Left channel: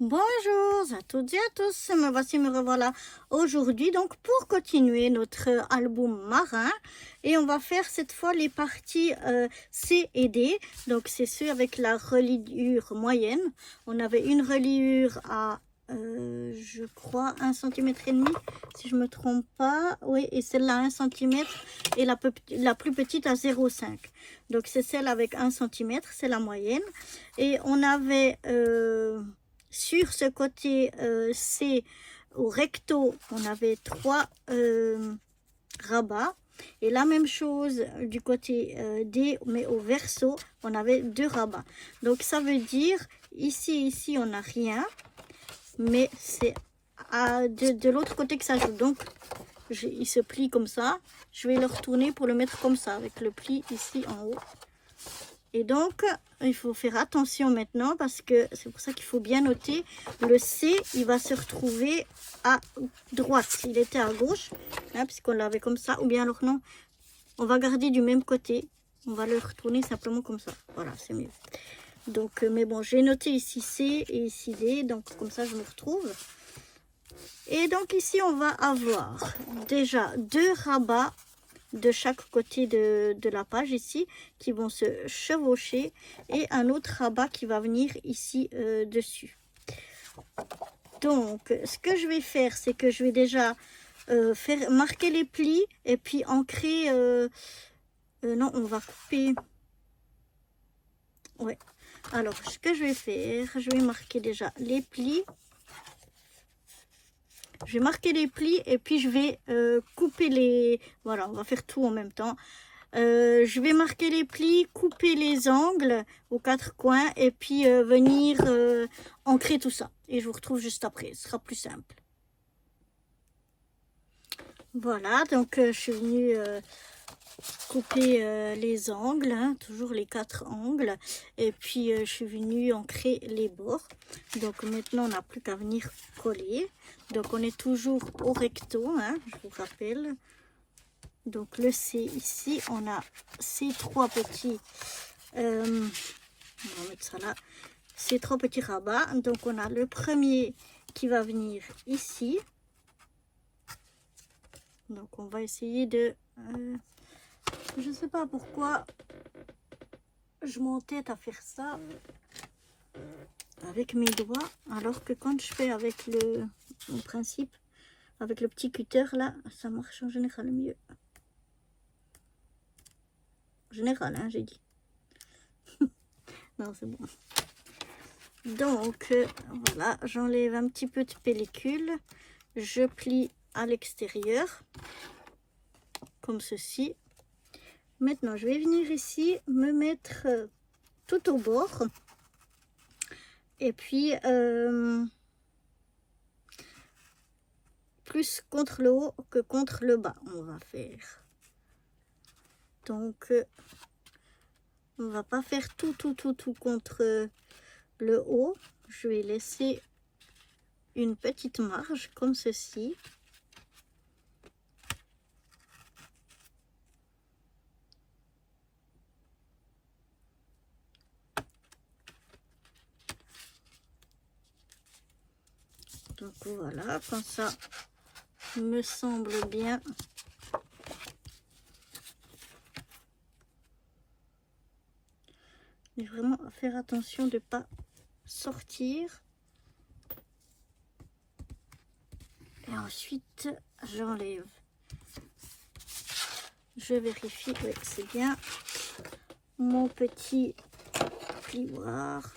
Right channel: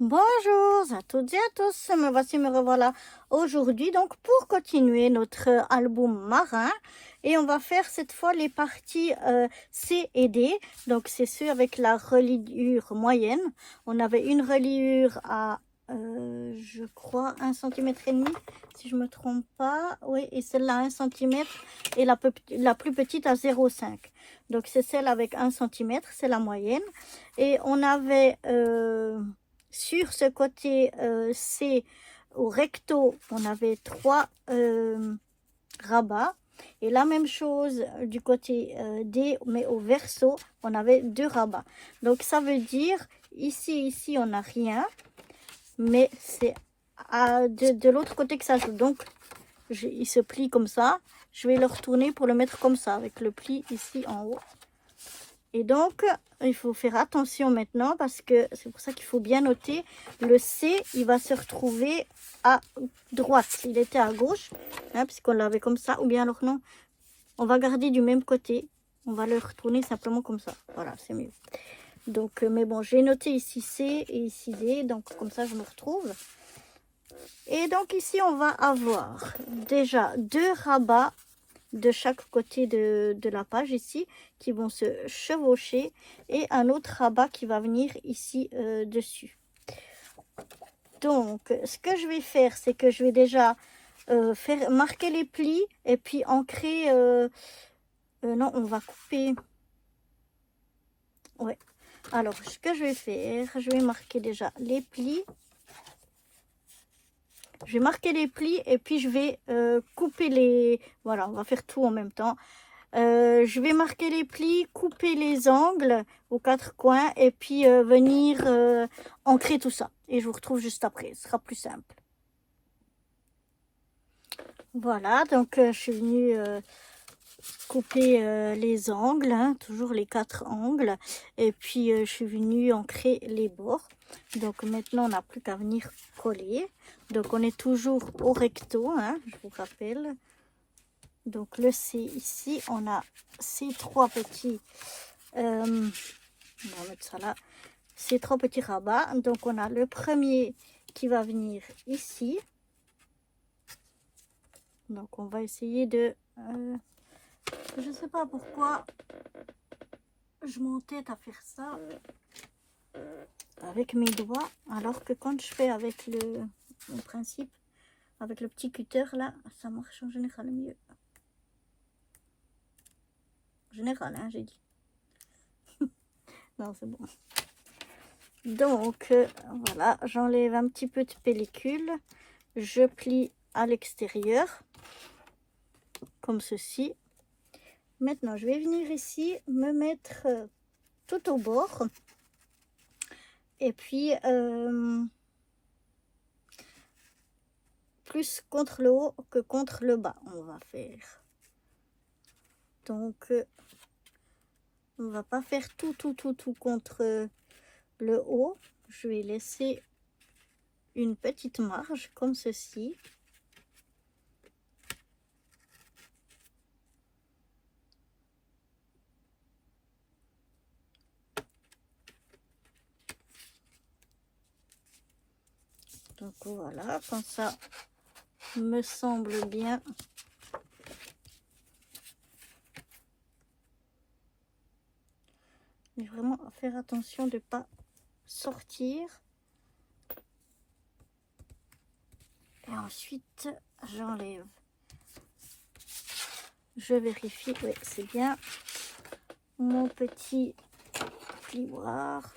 Bonjour à toutes et à tous, me revoilà aujourd'hui donc pour continuer notre album marin et on va faire cette fois les parties C et D, donc c'est ceux avec la reliure moyenne. On avait une reliure à je crois 1,5 cm si je me trompe pas, oui, et celle-là 1 cm et la plus petite à 0,5. Donc c'est celle avec 1 cm, c'est la moyenne. Et on avait sur ce côté C, au recto, on avait 3 rabats. Et la même chose du côté D, mais au verso, on avait 2 rabats. Donc ça veut dire, ici, on n'a rien. Mais c'est de l'autre côté que ça joue. Donc, il se plie comme ça. Je vais le retourner pour le mettre comme ça, avec le pli ici en haut. Et donc, il faut faire attention maintenant parce que c'est pour ça qu'il faut bien noter. Le C, il va se retrouver à droite. Il était à gauche, hein, puisqu'on l'avait comme ça. Ou bien alors non, on va garder du même côté. On va le retourner simplement comme ça. Voilà, c'est mieux. Donc, mais bon, j'ai noté ici C et ici D. Donc, comme ça, je me retrouve. Et donc, ici, on va avoir déjà 2 rabats de chaque côté de la page ici qui vont se chevaucher et un autre rabat qui va venir ici dessus. Donc ce que je vais faire, c'est que je vais déjà faire marquer les plis et puis ancrer non, on va couper, ouais. Alors ce que je vais faire, je vais marquer déjà les plis. Je vais marquer les plis et puis je vais couper les... Voilà, on va faire tout en même temps. Je vais marquer les plis, couper les angles aux 4 coins et puis venir ancrer tout ça. Et je vous retrouve juste après, ce sera plus simple. Voilà, donc je suis venue couper les angles, hein, toujours les 4 angles. Et puis je suis venue ancrer les bords. Donc maintenant on n'a plus qu'à venir coller. Donc on est toujours au recto, hein, je vous rappelle. Donc le C ici, on a ces 3 petits, on va mettre ça là, ces 3 petits rabats. Donc on a le premier qui va venir ici. Donc on va essayer de, je ne sais pas pourquoi je m'entête à faire ça avec mes doigts, alors que quand je fais avec le principe, avec le petit cutter là, ça marche en général mieux. Général, hein, j'ai dit. Non, c'est bon. Donc, voilà, j'enlève un petit peu de pellicule. Je plie à l'extérieur, comme ceci. Maintenant, je vais venir ici, me mettre tout au bord. Et puis, plus contre le haut que contre le bas, on va faire. Donc, on va pas faire tout contre le haut. Je vais laisser une petite marge comme ceci. Donc voilà, quand ça me semble bien. Mais vraiment à faire attention de ne pas sortir. Et ensuite, j'enlève. Je vérifie que c'est bien mon petit plioir.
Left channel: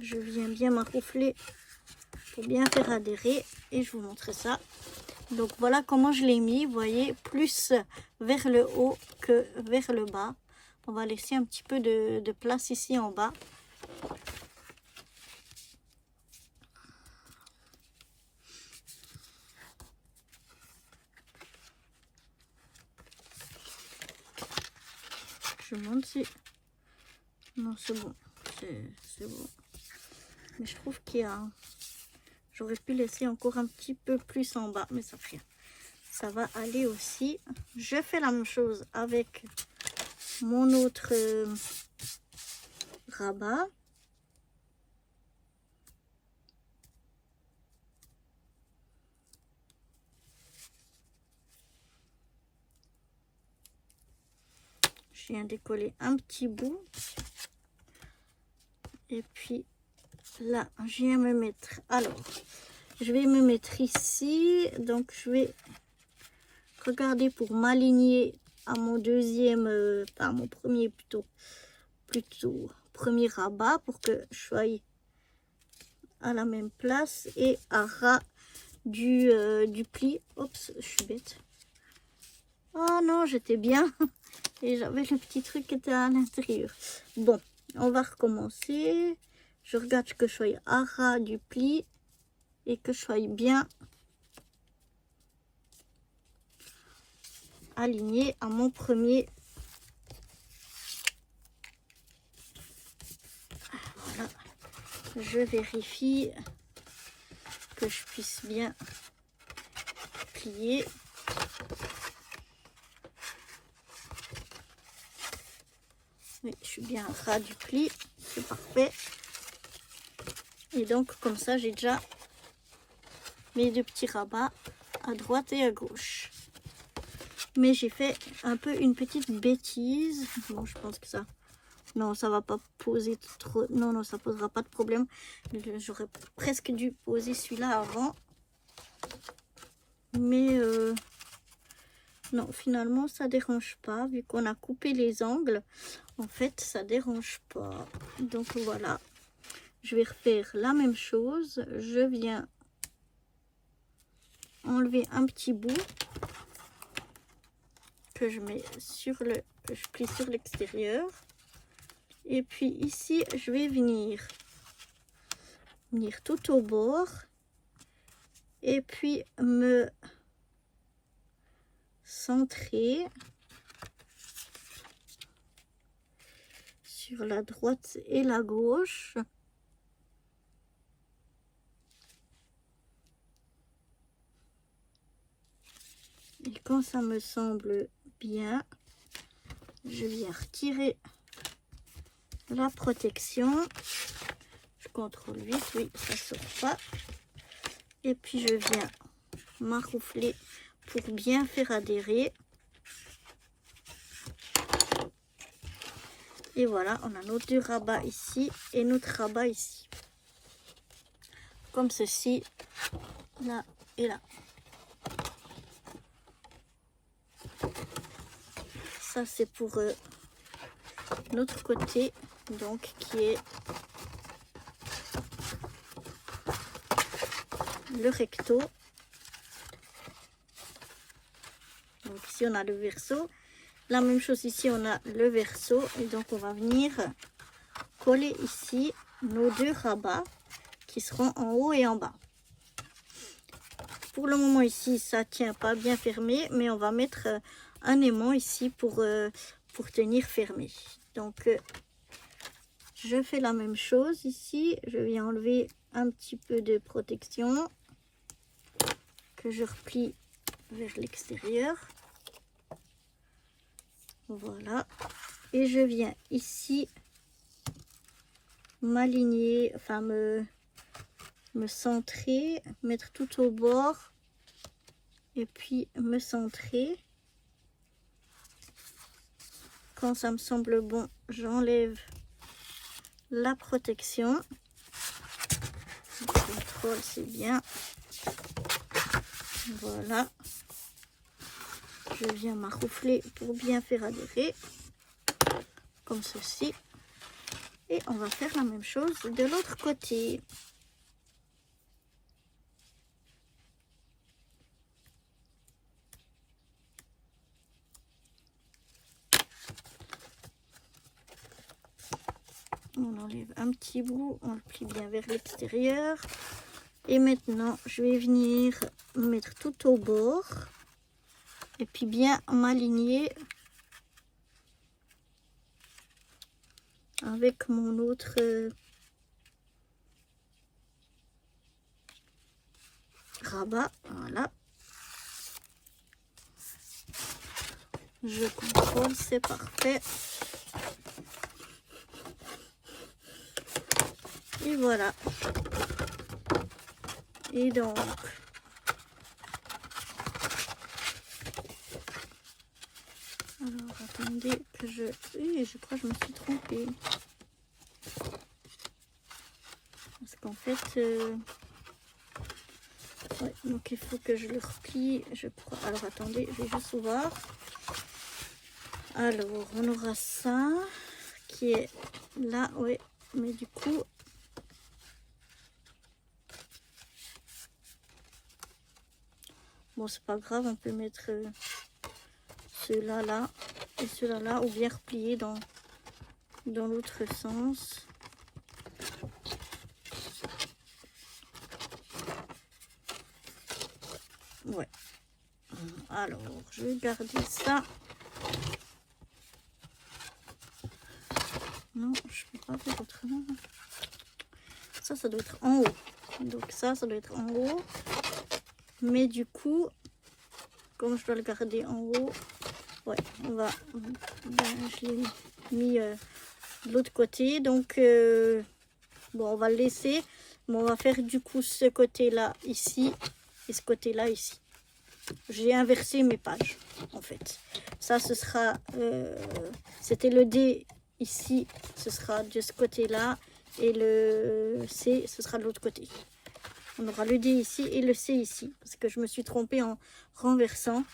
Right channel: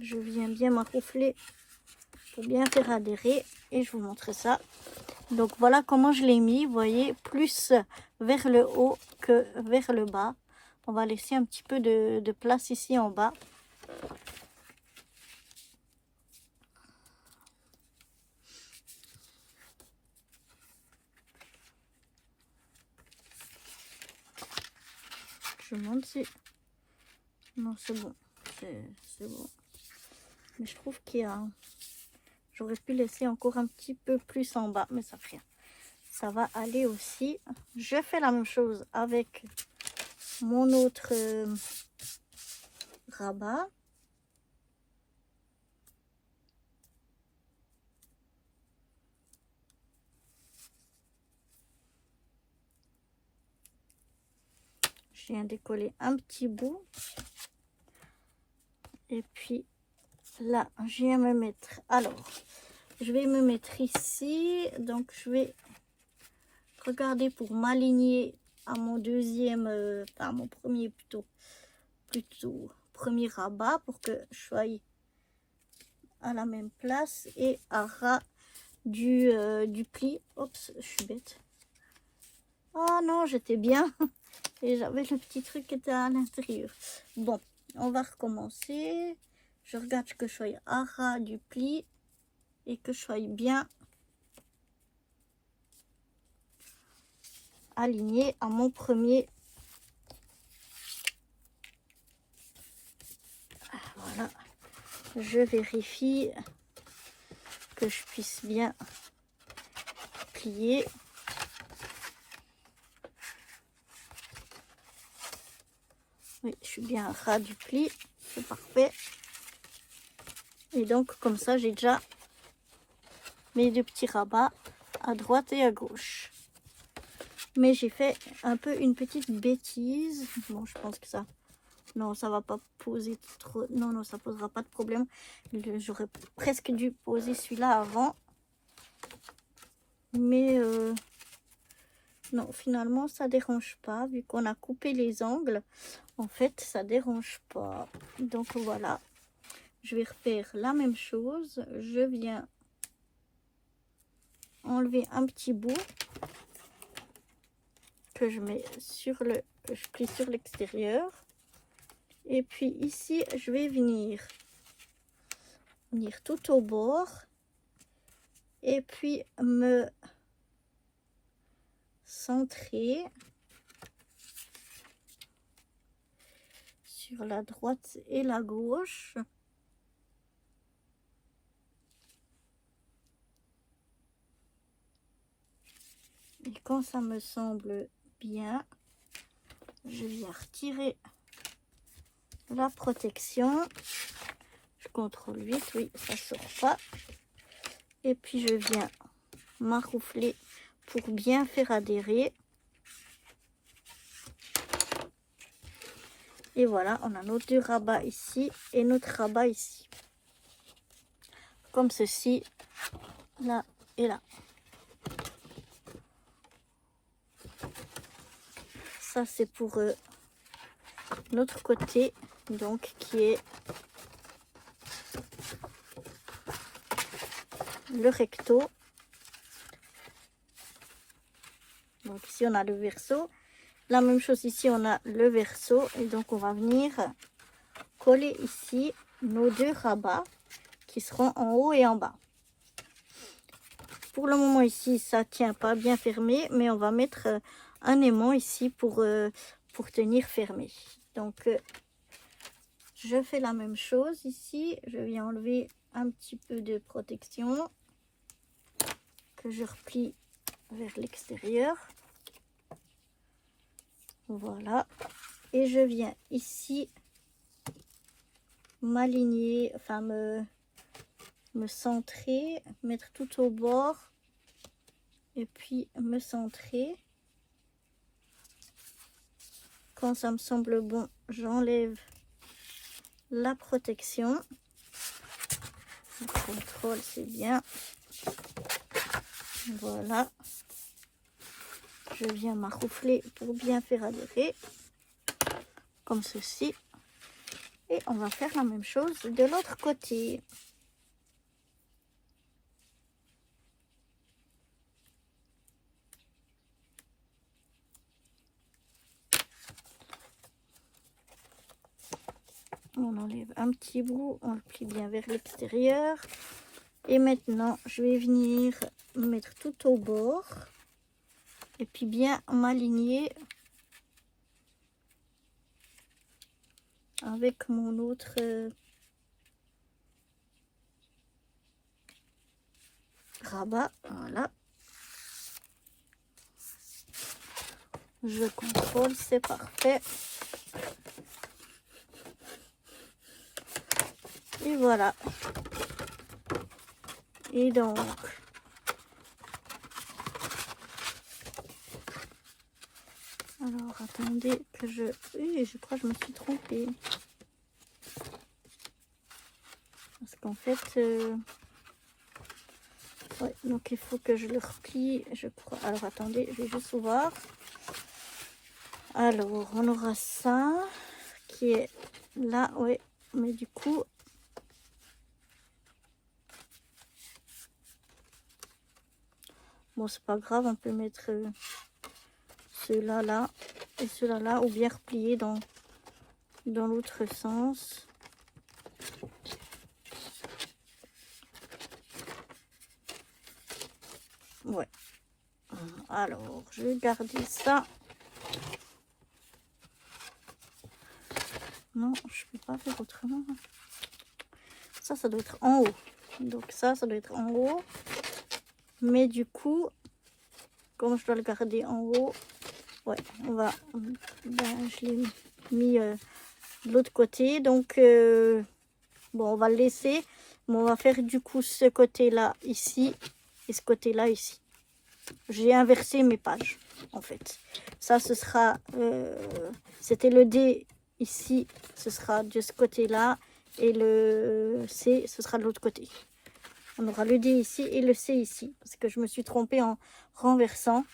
Je viens bien m'arroufler pour bien faire adhérer et je vous montre ça. Donc voilà comment je l'ai mis, vous voyez, plus vers le haut que vers le bas. On va laisser un petit peu de place ici en bas. Je monte si... Non, c'est bon. C'est bon. Mais je trouve qu'il y a... J'aurais pu laisser encore un petit peu plus en bas, mais ça fait rien. Ça va aller aussi. Je fais la même chose avec mon autre rabat. viens décoller un petit bout. Et puis là, je viens me mettre. Alors, je vais me mettre ici. Donc, je vais regarder pour m'aligner à mon deuxième, enfin à mon premier plutôt premier rabat pour que je sois à la même place et à ras du pli. Oups, je suis bête. Oh non, j'étais bien. Et j'avais le petit truc qui était à l'intérieur. Bon, on va recommencer. Je regarde que je sois à ras du pli et que je sois bien aligné à mon premier. Voilà. Je vérifie que je puisse bien plier. Oui, je suis bien à ras du pli, c'est parfait. Et donc, comme ça, j'ai déjà mes deux petits rabats à droite et à gauche. Mais j'ai fait un peu une petite bêtise. Bon, je pense que ça... Non, ça va pas poser trop... Non, non, ça posera pas de problème. J'aurais presque dû poser celui-là avant. Mais... non, finalement, ça dérange pas. Vu qu'on a coupé les angles, en fait, ça dérange pas. Donc, voilà. Je vais refaire la même chose. Je viens enlever un petit bout que je mets sur le... que je plie sur l'extérieur. Et puis ici, je vais venir tout au bord. Et puis me centrer sur la droite et la gauche. Et quand ça me semble bien, je viens retirer la protection. Je contrôle vite, oui, ça sort pas. Et puis je viens m'arroufler pour bien faire adhérer. Et voilà, on a nos deux rabats ici et notre rabat ici. Comme ceci, là et là. Ça c'est pour notre côté, donc qui est le recto. Donc ici on a le verso. La même chose ici on a le verso. Et donc on va venir coller ici nos deux rabats qui seront en haut et en bas. Pour le moment ici ça tient pas bien fermé, mais on va mettre un aimant ici pour tenir fermé. Donc je fais la même chose ici. Je viens enlever un petit peu de protection que je replie vers l'extérieur. Voilà. Et je viens ici m'aligner, enfin me centrer, mettre tout au bord et puis me centrer. Quand ça me semble bon, j'enlève la protection. Je contrôle, c'est bien. Voilà. Je viens m'arroufler pour bien faire adhérer. Comme ceci. Et on va faire la même chose de l'autre côté. On enlève un petit bout, on le plie bien vers l'extérieur. Et maintenant, je vais venir mettre tout au bord. Et puis bien m'aligner avec mon autre rabat. Voilà. Je contrôle, c'est parfait. Et voilà. Et donc, alors attendez que je... Oui, je crois que je me suis trompée. Parce qu'en fait... Ouais, donc il faut que je le replie, je crois. Alors attendez, je vais juste voir. Alors, on aura ça qui est là, ouais. Mais du coup... Bon, c'est pas grave, on peut mettre ceux-là là et ceux-là là, ou bien replier dans l'autre sens. Ouais. Alors, je vais garder ça. Non, je peux pas faire autrement. Ça doit être en haut. Donc ça doit être en haut. Mais du coup, comme je dois le garder en haut, ouais, on va... Ben, je l'ai mis de l'autre côté. Donc, bon, on va le laisser. Mais on va faire du coup ce côté-là ici et ce côté-là ici. J'ai inversé mes pages, en fait. Ça, ce sera... c'était le D ici, ce sera de ce côté-là. Et le C, ce sera de l'autre côté. On aura le D ici et le C ici. Parce que je me suis trompée en renversant.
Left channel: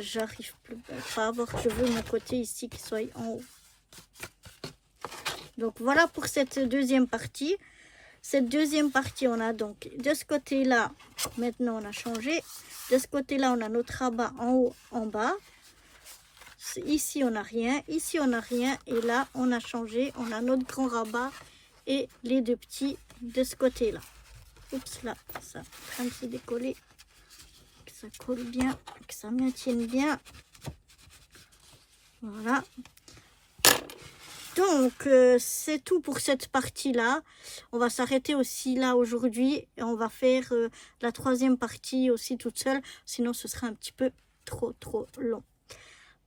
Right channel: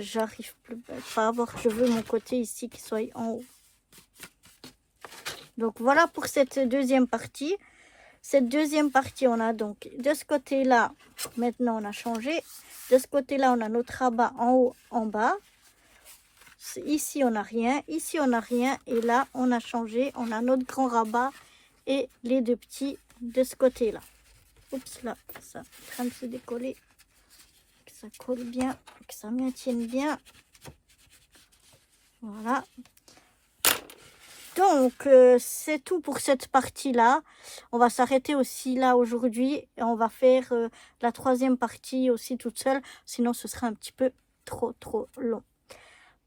J'arrive pas à voir que je veux mon côté ici qui soit en haut. Donc voilà pour cette deuxième partie. Cette deuxième partie, on a donc de ce côté-là, maintenant on a changé. De ce côté-là, on a notre rabat en haut, en bas. Ici, on n'a rien. Ici, on n'a rien. Et là, on a changé. On a notre grand rabat et les deux petits de ce côté-là. Oups, là, ça est en train de se décoller. Que ça colle bien, que ça maintienne bien. Voilà. Donc, c'est tout pour cette partie-là. On va s'arrêter aussi là aujourd'hui. Et on va faire la troisième partie aussi toute seule. Sinon, ce sera un petit peu trop long.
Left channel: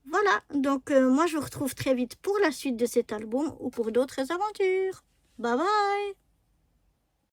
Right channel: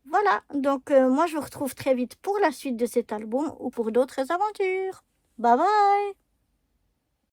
Voilà. Donc, moi, je vous retrouve très vite pour la suite de cet album ou pour d'autres aventures. Bye bye!